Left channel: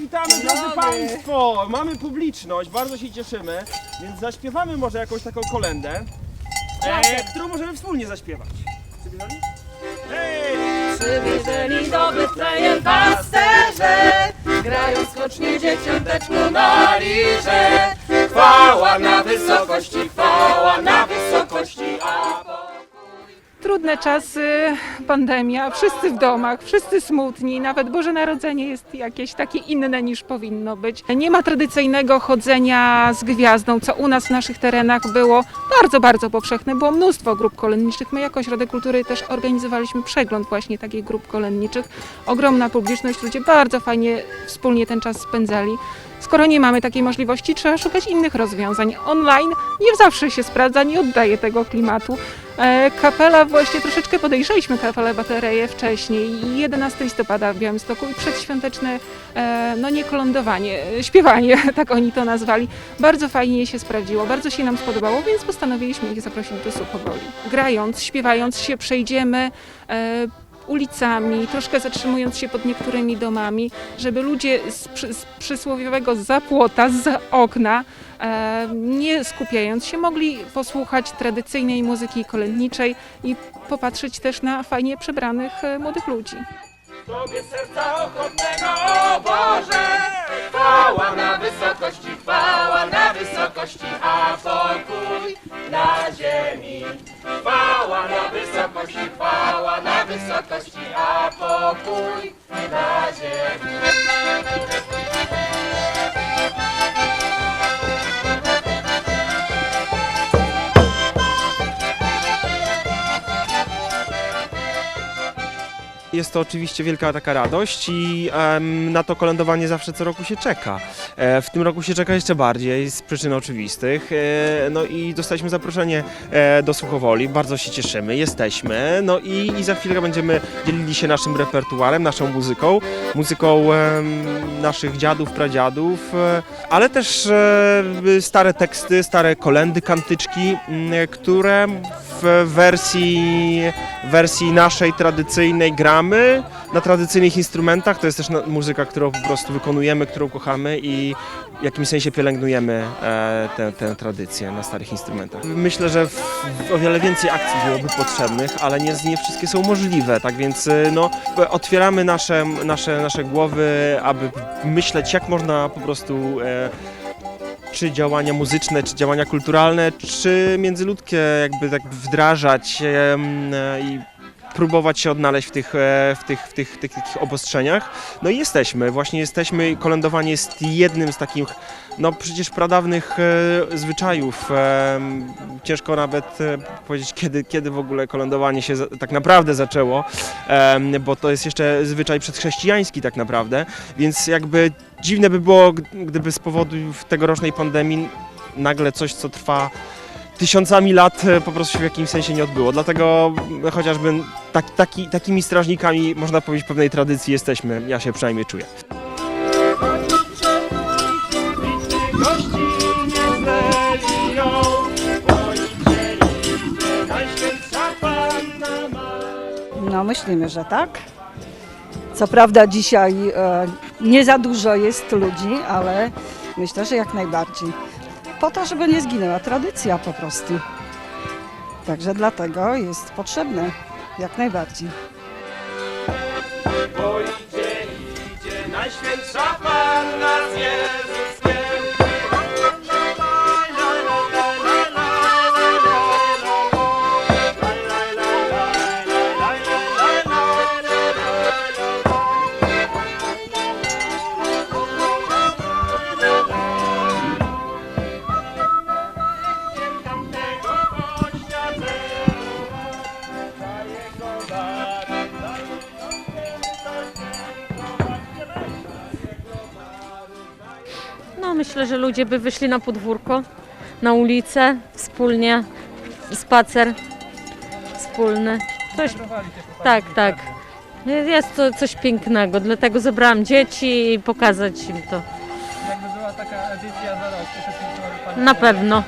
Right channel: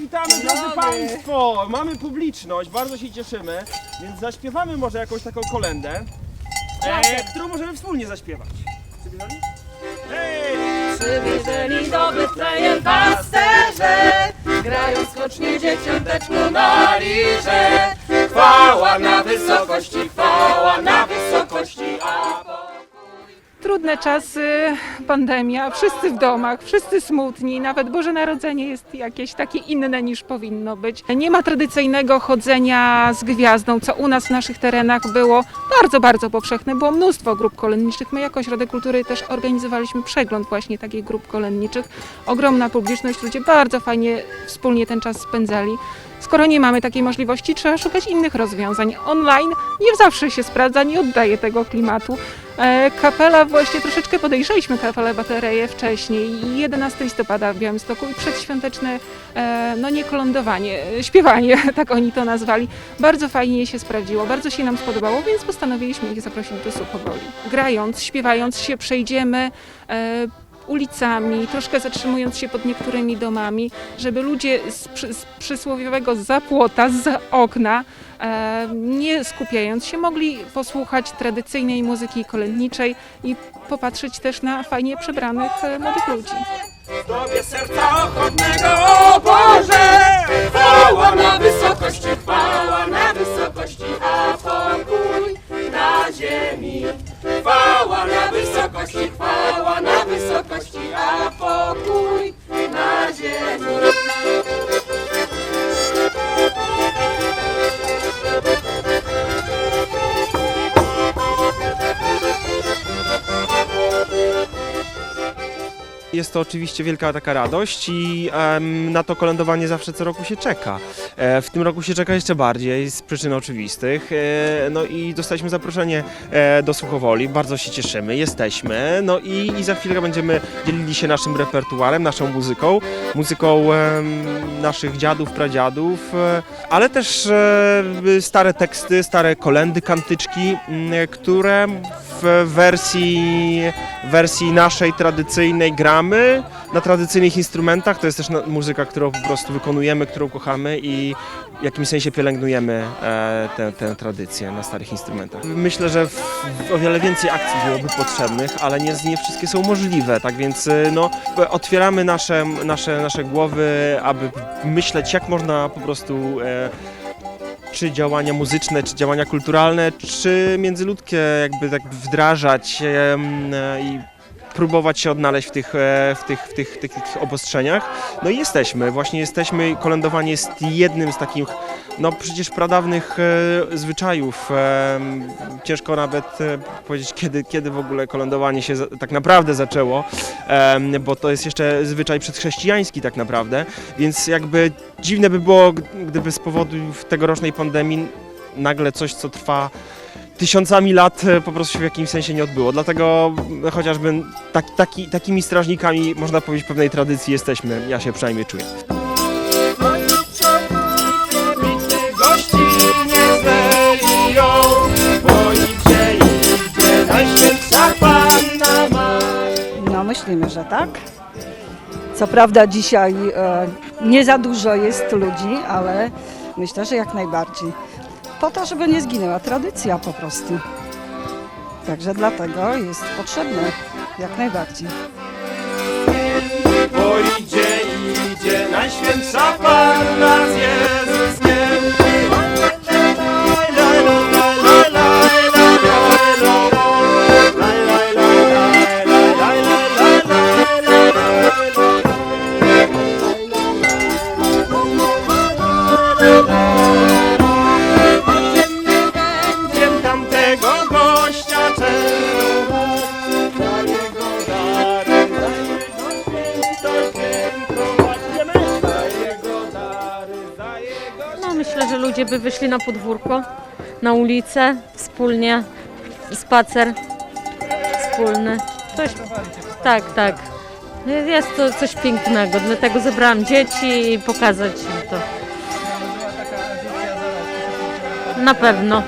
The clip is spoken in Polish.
witamy drodzy Państwo! Mamy publiczność, bardzo się cieszymy, więc zaśpiewamy może jakąś taką kolendę, e, którą możemy wspólnie zaśpiewać. Przybiegali? Hej! Przywieżeli do Betlejem pasterze, grają skocznie dzieciąteczku na lirze. Chwała na wysokości, chwała na Trudne czasy, pandemia, wszyscy w domach, wszyscy smutni, nawet Boże Narodzenie jest jakieś takie inne niż powinno być. Nie ma tradycyjnego chodzenia z gwiazdą, co u nas w naszych terenach było bardzo, bardzo powszechne. Było mnóstwo grup kolędniczych. My jako Ośrodek Kultury też organizowaliśmy przegląd właśnie takich grup kolędniczych. Ogromna publiczność, ludzie bardzo fajnie wspólnie ten czas spędzali. Skoro nie mamy takiej możliwości, trzeba szukać innych rozwiązań. Online nie zawsze się sprawdza, nie oddaje tego klimatu. E, Kapela, właśnie troszeczkę podejrzeliśmy kapelę batereję wcześniej, 11 listopada w Białymstoku i przedświąteczne, e, no nie kolądowanie, e, śpiewanie, tak oni to nazwali. Bardzo fajnie się sprawdziło, bardzo się nam spodobało, więc postanowiliśmy ich zaprosić do Suchowoli. Grając, śpiewając się przejdziemy ulicami, troszkę zatrzymując się pod niektórymi domami, żeby ludzie z, z przysłowiowego zapłota, z okna, e, nie skupiając się, mogli posłuchać tradycyjnej muzyki kolędniczej i popatrzeć też na fajnie przebranych e, młodych ludzi. Tobie serca ochotnego, o Boże! Wysokości, a pokój na ziemi. Jest to oczywiście wielka taka radość i na to kolędowanie zawsze co roku się czeka. E, w tym roku się czeka jeszcze bardziej z przyczyn oczywistych. E, no i dostaliśmy zaproszenie e, do Suchowoli, bardzo się cieszymy, jesteśmy. No i, i za chwilę będziemy dzielili się naszym repertuarem, naszą muzyką, muzyką naszych dziadów, pradziadów, e, ale też e, stare teksty, stare kolendy, kantyczki, które w wersji, wersji naszej tradycyjnej gramy na tradycyjnych instrumentach. To jest też muzyka, którą po prostu wykonujemy, którą kochamy i w jakimś sensie pielęgnujemy e, tę, tę tradycję na starych instrumentach. Myślę, że w, w o wiele więcej akcji byłoby potrzebnych, ale nie, nie wszystkie są możliwe, tak więc e, no, otwieramy nasze, nasze, nasze głowy, aby myśleć, jak można po prostu e, czy działania muzyczne, czy działania kulturalne, czy międzyludzkie jakby tak wdrażać i próbować się odnaleźć w tych, e, w tych, w tych, tych, takich obostrzeniach. No i jesteśmy, właśnie jesteśmy, kolędowanie jest jednym z takich, no przecież pradawnych e, zwyczajów. Em, Ciężko nawet e, powiedzieć, kiedy, kiedy w ogóle kolędowanie się za, tak naprawdę zaczęło, em, bo to jest jeszcze zwyczaj przedchrześcijański tak naprawdę, więc jakby dziwne by było, gdyby z powodu tegorocznej pandemii nagle coś, co trwa tysiącami lat e, po prostu się w jakimś sensie nie odbyło. Dlatego m, chociażby tak, taki, takimi strażnikami, można powiedzieć, pewnej tradycji jesteśmy, ja się przynajmniej czuję. No myślimy, że tak. Co prawda dzisiaj e, nie za dużo jest ludzi, ale myślę, że jak najbardziej. Po to, żeby nie zginęła tradycja po prostu. Także dlatego jest potrzebne jak najbardziej. Bo idzie, idzie Najświętsza myślę, że ludzie by wyszli na podwórko, na ulicę, wspólnie, spacer wspólny. Coś, tak, tak. Jest to coś pięknego, dlatego zebrałam dzieci i pokazać im to. Na pewno.